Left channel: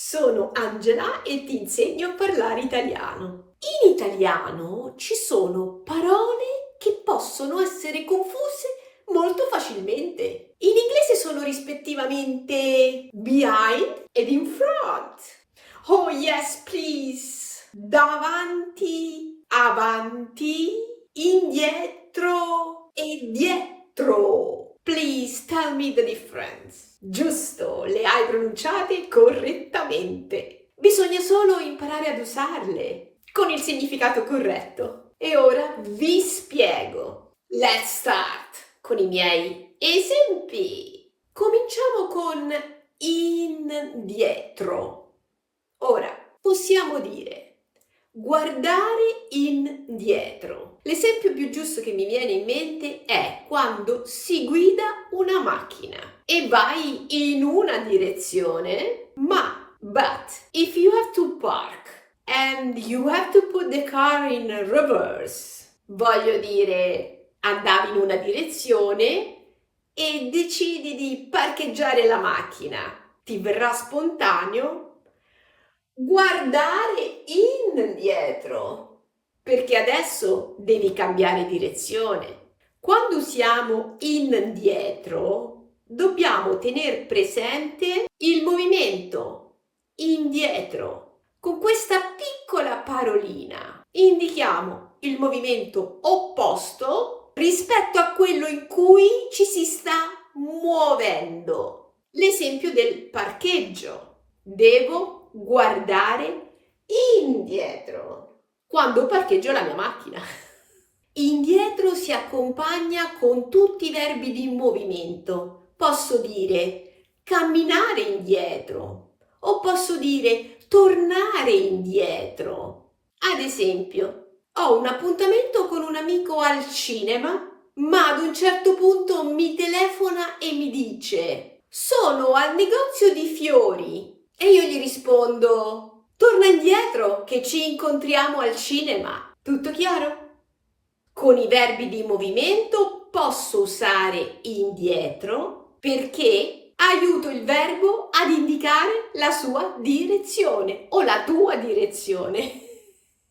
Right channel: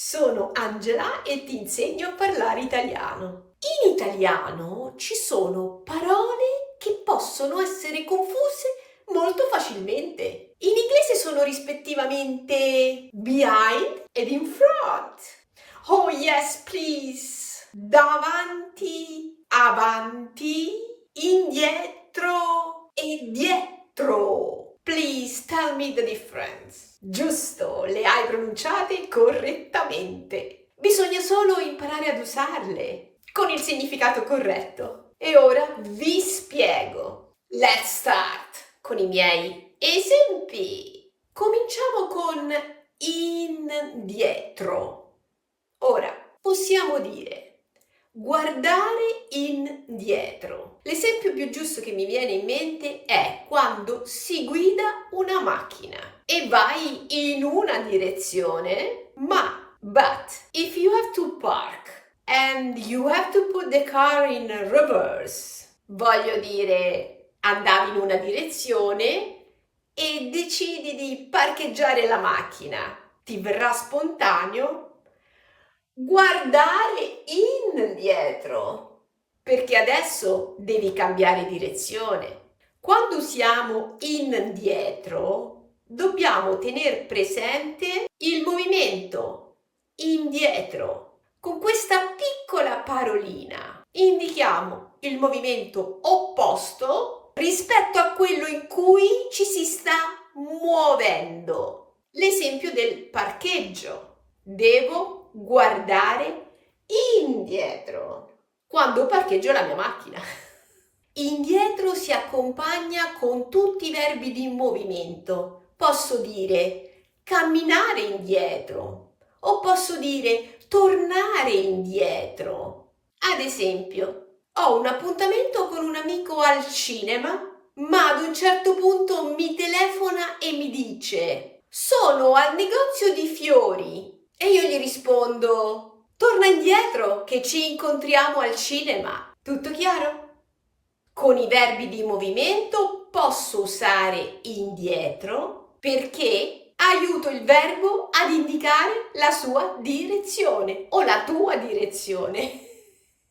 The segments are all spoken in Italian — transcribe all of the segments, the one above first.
Sono Angela e ti insegno a parlare italiano. In italiano ci sono parole che possono essere confuse molto facilmente. In inglese sono rispettivamente behind ed in front. Oh yes, please. Davanti, avanti, indietro e dietro. Please tell me the difference. Giusto, le hai pronunciate correttamente. Bisogna solo imparare ad usarle con il significato corretto. E ora vi spiego. Let's start con i miei esempi. Cominciamo con indietro. Ora, possiamo dire guardare indietro. L'esempio più giusto che mi viene in mente è quando si guida una macchina e vai in una direzione, but if you have to park and you have to put the car in reverse, voglio dire, andavi in una direzione e decidi di parcheggiare la macchina, ti verrà spontaneo guardare indietro, perché adesso devi cambiare direzione. Quando usiamo indietro, dobbiamo tenere presente il movimento indietro. Con questa piccola parolina indichiamo il movimento opposto rispetto a quello in cui ci si sta muovendo. L'esempio del parcheggio. Devo guardare indietro quando parcheggio la mia macchina. Indietro si accompagna con tutti i verbi di movimento. Posso dire camminare indietro o posso dire tornare indietro. Ad esempio, ho un appuntamento con un amico al cinema, ma ad un certo punto mi telefona e mi dice: sono al negozio di fiori. E io gli rispondo: torna indietro che ci incontriamo al cinema. Tutto chiaro? Con i verbi di movimento posso usare indietro perché aiuto il verbo ad indicare la sua direzione o la tua direzione.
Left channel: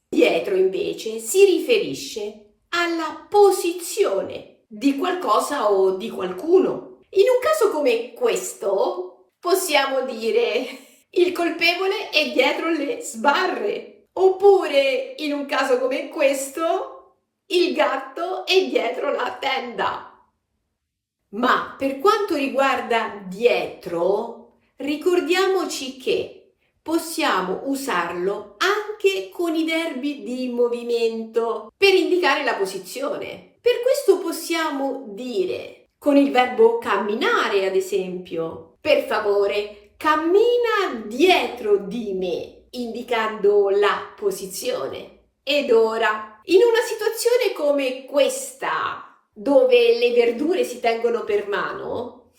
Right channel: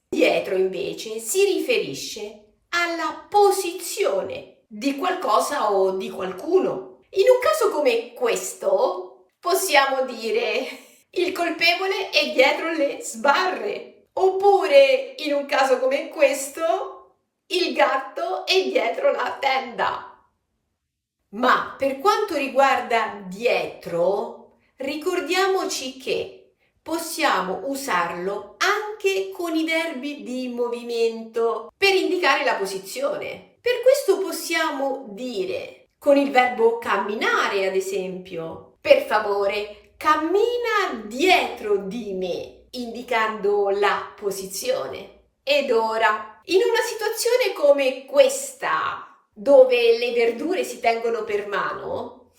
Dietro invece si riferisce alla posizione di qualcosa o di qualcuno. In un caso come questo possiamo dire: il colpevole è dietro le sbarre. Oppure, in un caso come questo, il gatto è dietro la tenda. Ma per quanto riguarda dietro, ricordiamoci che possiamo usarlo anche con i verbi di movimento per indicare la posizione. Per questo possiamo dire con il verbo camminare, ad esempio: per favore, cammina dietro di me, indicando la posizione. Ed ora, in una situazione come questa, dove le verdure si tengono per mano,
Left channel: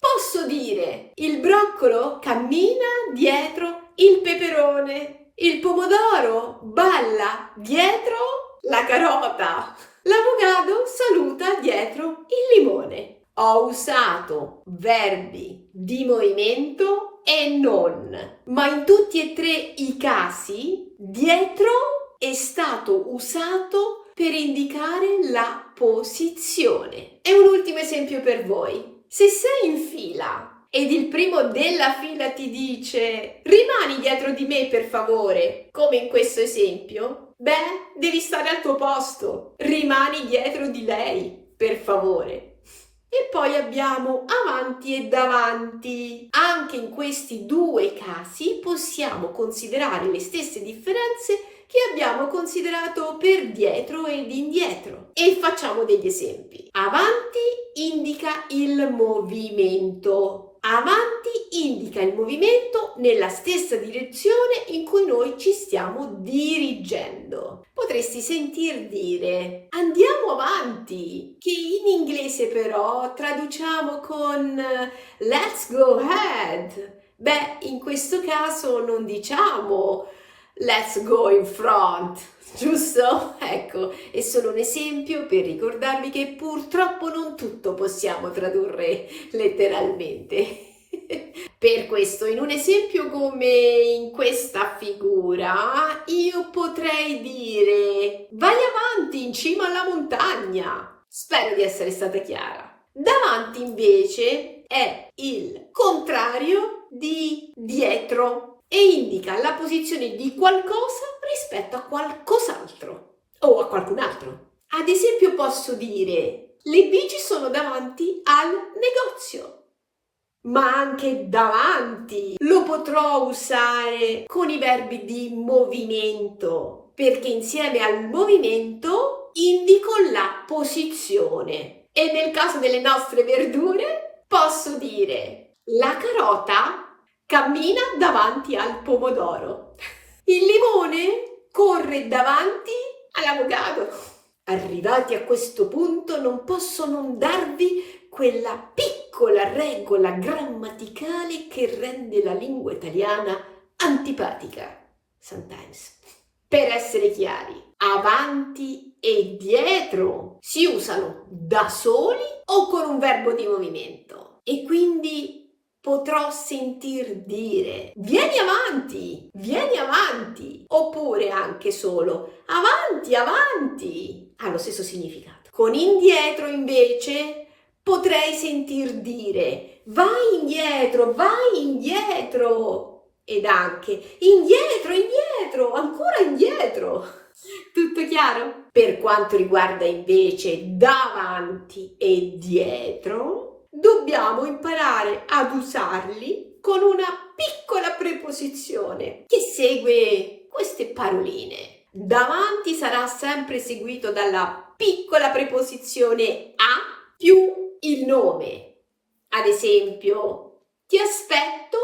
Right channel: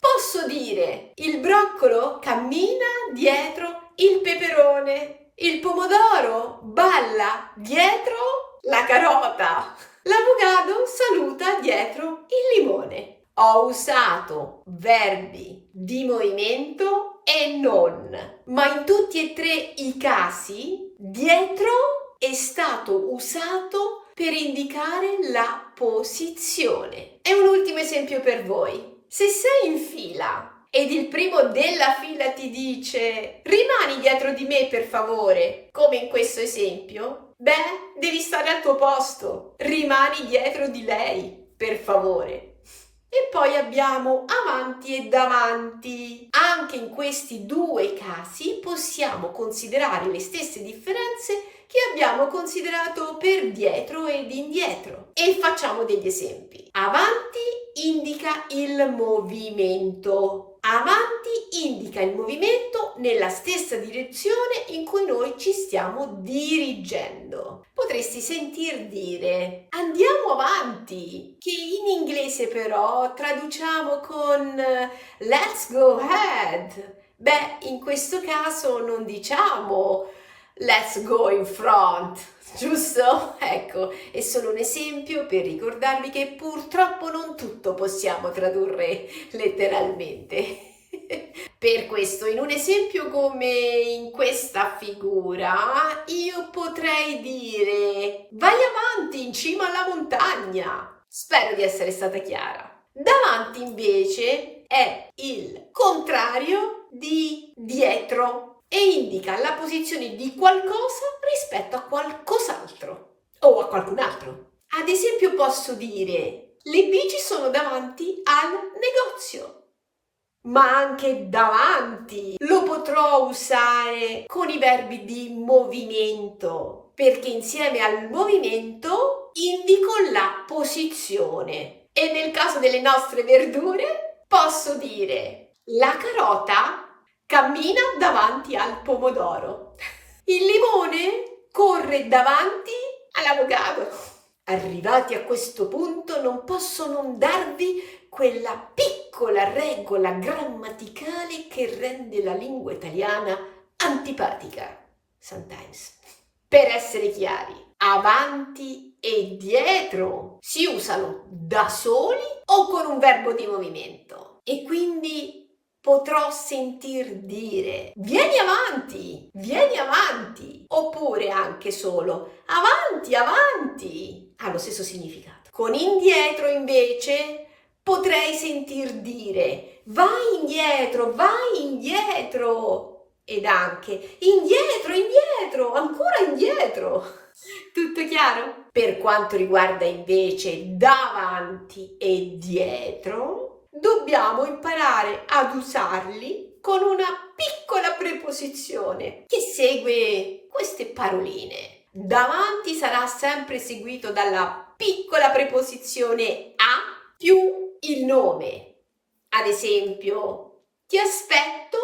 posso dire: il broccolo cammina dietro il peperone, il pomodoro balla dietro la carota, l'avocado saluta dietro il limone. Ho usato verbi di movimento e non, ma in tutti e tre i casi dietro è stato usato per indicare la posizione. E un ultimo esempio per voi. Se sei in fila ed il primo della fila ti dice: rimani dietro di me per favore, come in questo esempio, devi stare al tuo posto, rimani dietro di lei per favore. E poi abbiamo avanti e davanti. Anche in questi due casi possiamo considerare le stesse differenze che abbiamo considerato per dietro ed indietro. E facciamo degli esempi. Avanti indica il movimento. Avanti indica il movimento nella stessa direzione in cui noi ci stiamo dirigendo. Potresti sentir dire andiamo avanti, che in inglese però traduciamo con let's go ahead. In questo caso non diciamo let's go in front, giusto? Ecco, è solo un esempio per ricordarvi che purtroppo non tutto possiamo tradurre letteralmente. Per questo, in un esempio come in questa figura, io potrei dire vai avanti in cima alla montagna. Spero di essere stata chiara. Davanti invece è il contrario di dietro e indica la posizione di qualcosa rispetto a qualcos'altro o a qualcun altro. Ad esempio posso dire le bici sono davanti al negozio. Ma anche davanti lo potrò usare con i verbi di movimento, perché insieme al movimento indico la posizione. E nel caso delle nostre verdure posso dire la carota cammina davanti al pomodoro. Il limone corre davanti all'avocado. Arrivati a questo punto non posso non darvi quella piccola regola grammaticale che rende la lingua italiana antipatica, sometimes. Per essere chiari, avanti e dietro si usano da soli o con un verbo di movimento e quindi potrò sentir dire vieni avanti, oppure anche solo avanti, avanti, ha lo stesso significato. Con indietro invece potrei sentir dire vai indietro ed anche indietro, ancora indietro. Tutto chiaro? Per quanto riguarda invece davanti e dietro, dobbiamo imparare ad usarli con una piccola preposizione che segue queste paroline. Davanti sarà sempre seguito dalla piccola preposizione a più il nome. Ad esempio, ti aspetto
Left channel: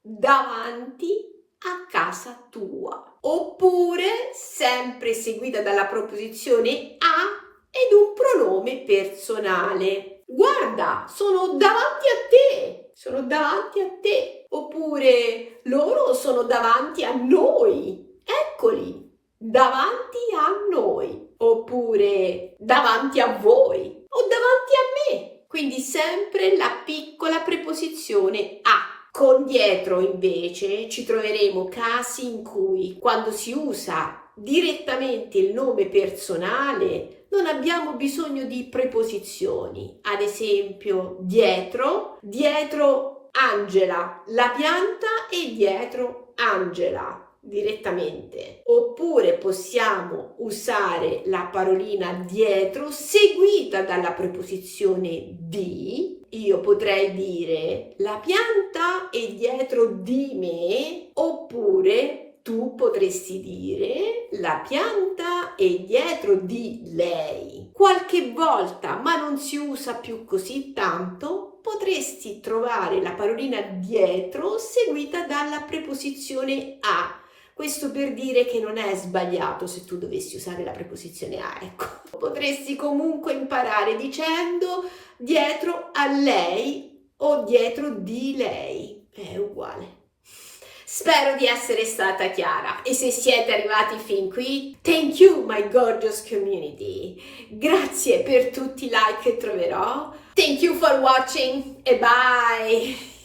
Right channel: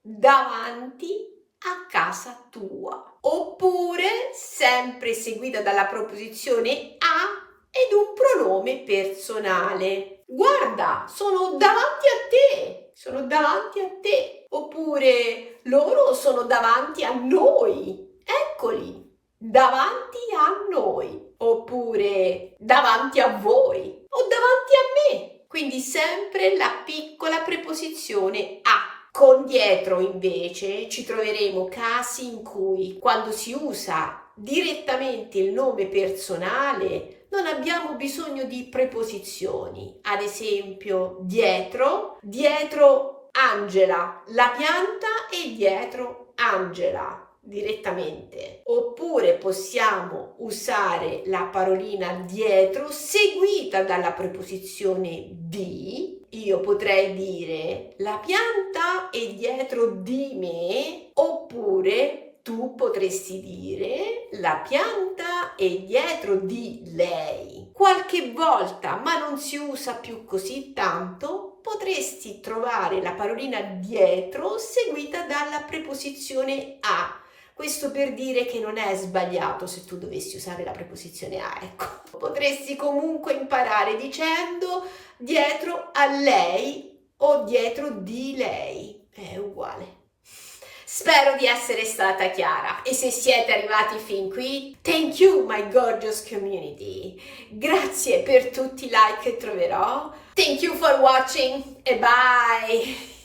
davanti a casa tua. Oppure, sempre seguita dalla preposizione a ed un pronome personale. Guarda, sono davanti a te. Oppure, loro sono davanti a noi. Eccoli, davanti a noi. Oppure, davanti a voi o davanti a me. Quindi sempre la piccola preposizione a. Con dietro invece ci troveremo casi in cui quando si usa direttamente il nome personale non abbiamo bisogno di preposizioni. Ad esempio dietro Angela, la pianta e dietro Angela direttamente. Oppure possiamo usare la parolina dietro seguita dalla preposizione di. Io potrei dire la pianta è dietro di me, oppure tu potresti dire la pianta è dietro di lei. Qualche volta, ma non si usa più così tanto, potresti trovare la parolina dietro seguita dalla preposizione a. Questo per dire che non è sbagliato se tu dovessi usare la preposizione a, ecco. Potresti comunque imparare dicendo dietro a lei o dietro di lei. È uguale. Spero di essere stata chiara e se siete arrivati fin qui, thank you my gorgeous community. Grazie per tutti i like che troverò. Thank you for watching e bye!